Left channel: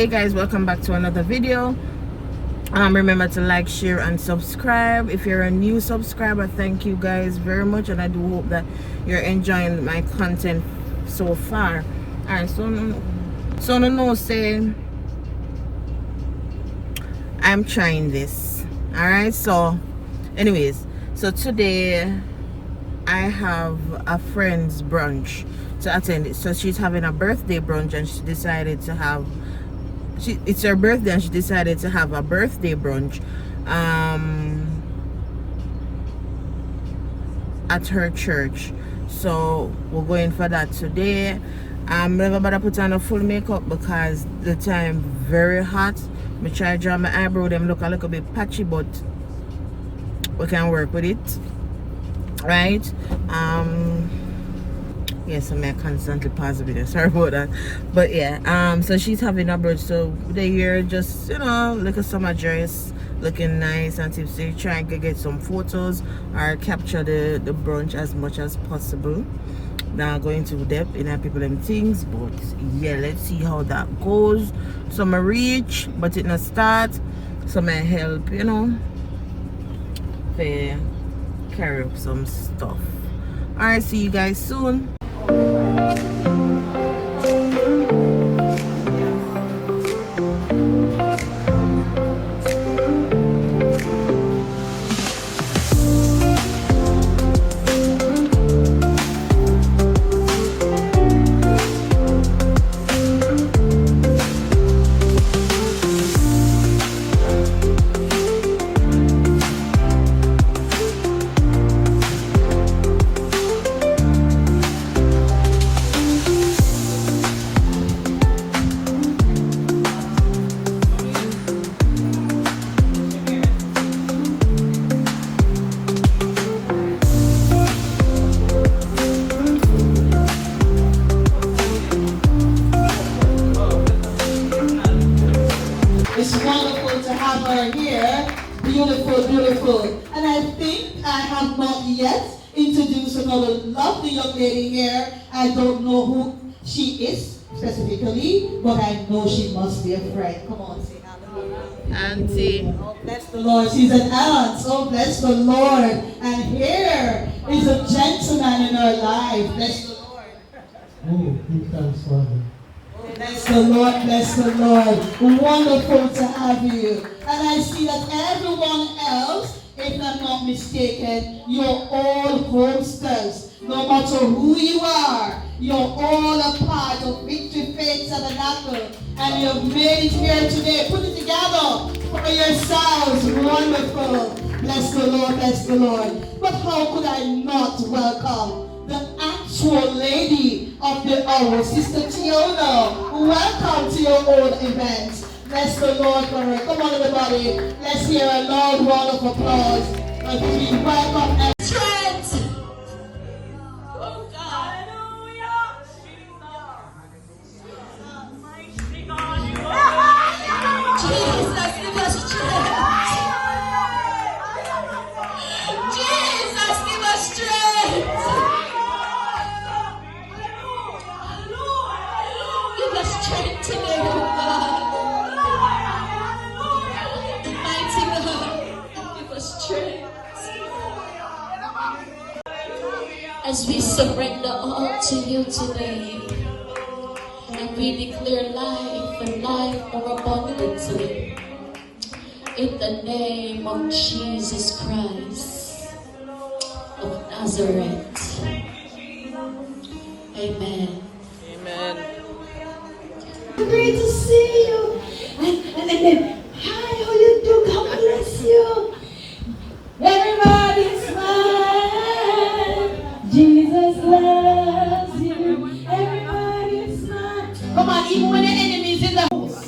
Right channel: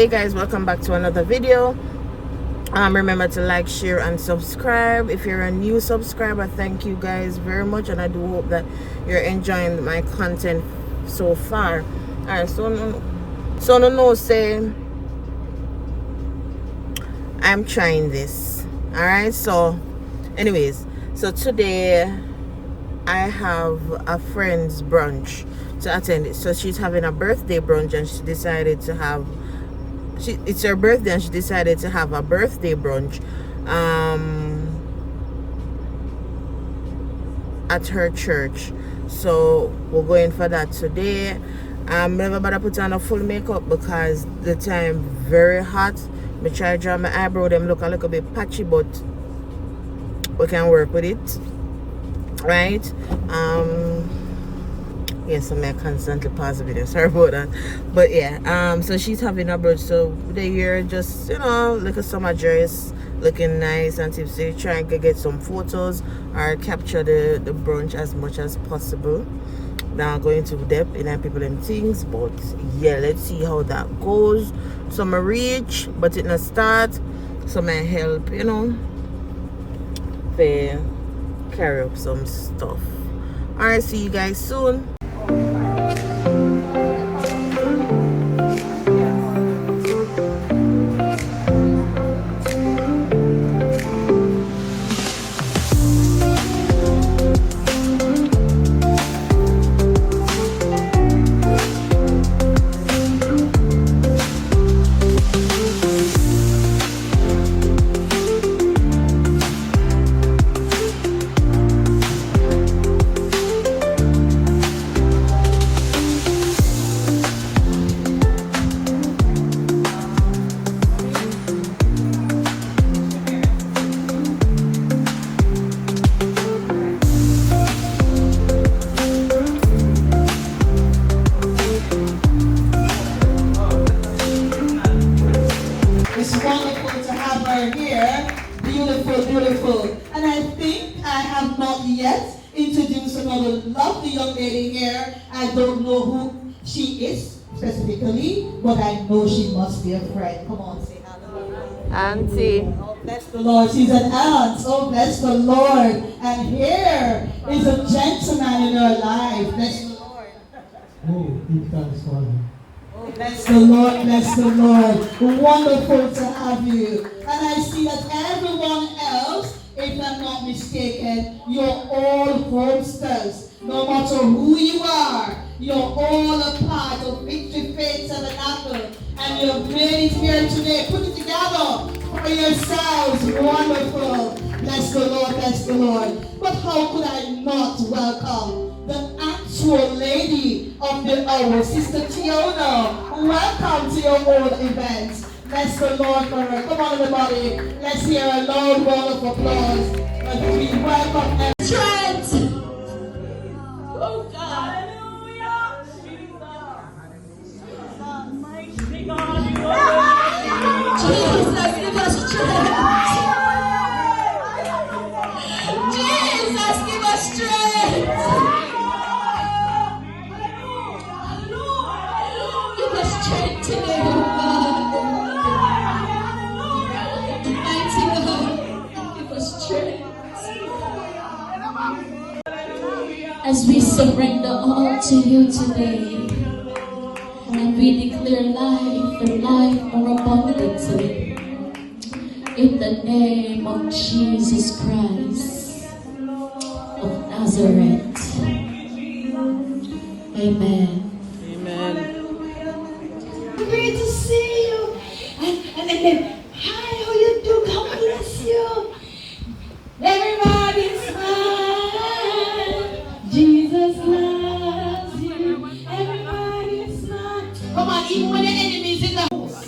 Hey guys, welcome back to another video. Remember to like, share and subscribe. If you're a new subscriber, thank you guys very much, and I do hope that you're enjoying my content so far. Alright, so no say I'm trying this. Alright, so anyways, so today I have a friend's brunch to attend it. So she's having a birthday brunch, and she decided to have it's her birthday, and she decided to have a birthday brunch at her church. So we're going for that today. Never better put on a full makeup because the time very hot. Me try to draw my eyebrow, them look a little bit patchy, but we can work with it, right? Yeah, so I constantly pause the video, sorry about that. But yeah, so she's having a brunch, so the year just, you know, like a summer dress, looking nice and tipsy, trying to get some photos or capture the brunch as much as possible. Now going to depth in people and things, but yeah, let's see how that goes. Some reach, but it not start. Some help, you know, to carry up some stuff. Alright, see you guys soon. It's wonderful to have her here. Beautiful, beautiful. And I think I have not yet introduced another lovely young lady here. I don't know who she is specifically, but I know she must be a friend. Come on, say hello. Auntie. Oh, bless the Lord. She's an aunt. Oh, bless the Lord. And here is a gentleman in her life. Bless the Lord. Oh, give thanks, Father. Bless the Lord, bless the Lord. Wonderful to have you. And I see that everyone else, if I'm not mistaken, you're all hosters. No matter who you are, you're all a part of Victory Faith Tabernacle. And you've made it here today. Put it together for yourselves. Wonderful. Bless the Lord, bless the Lord. But how could I not welcome the actual lady of the hour, Sister Tiona? Welcome to your own event. Bless the Lord for her. Come on, everybody. Let's hear a loud round of applause as we welcome Trent. Oh God. Hallelujah. Jesus, give us strength. Jesus, give us strength. Give us strength today, oh God. Mighty God, give us strength. As we surrender all to you today, and we declare life and life more abundantly, in the name of Jesus Christ of Nazareth. Amen. Great to see you. And then, hi, how you do? God bless you. Everybody smile. Jesus loves you. Everybody smile. Come on, even when the enemy is in the house.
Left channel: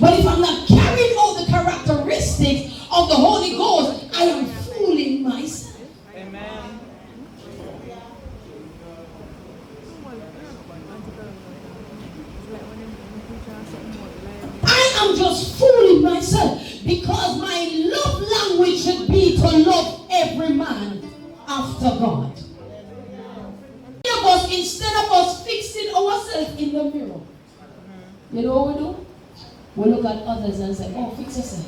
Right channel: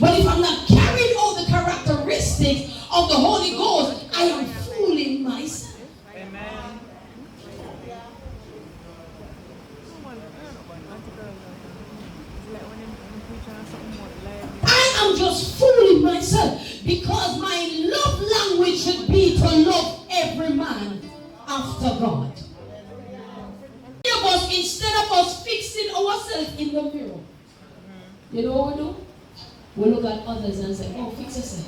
But if I'm not carrying out the characteristics of the Holy Ghost, I am fooling myself. Amen. I am just fooling myself because my love language should be to love every man after God. Instead of us fixing ourselves in the mirror, You know what we do? We look at others and say, oh, fix yourself.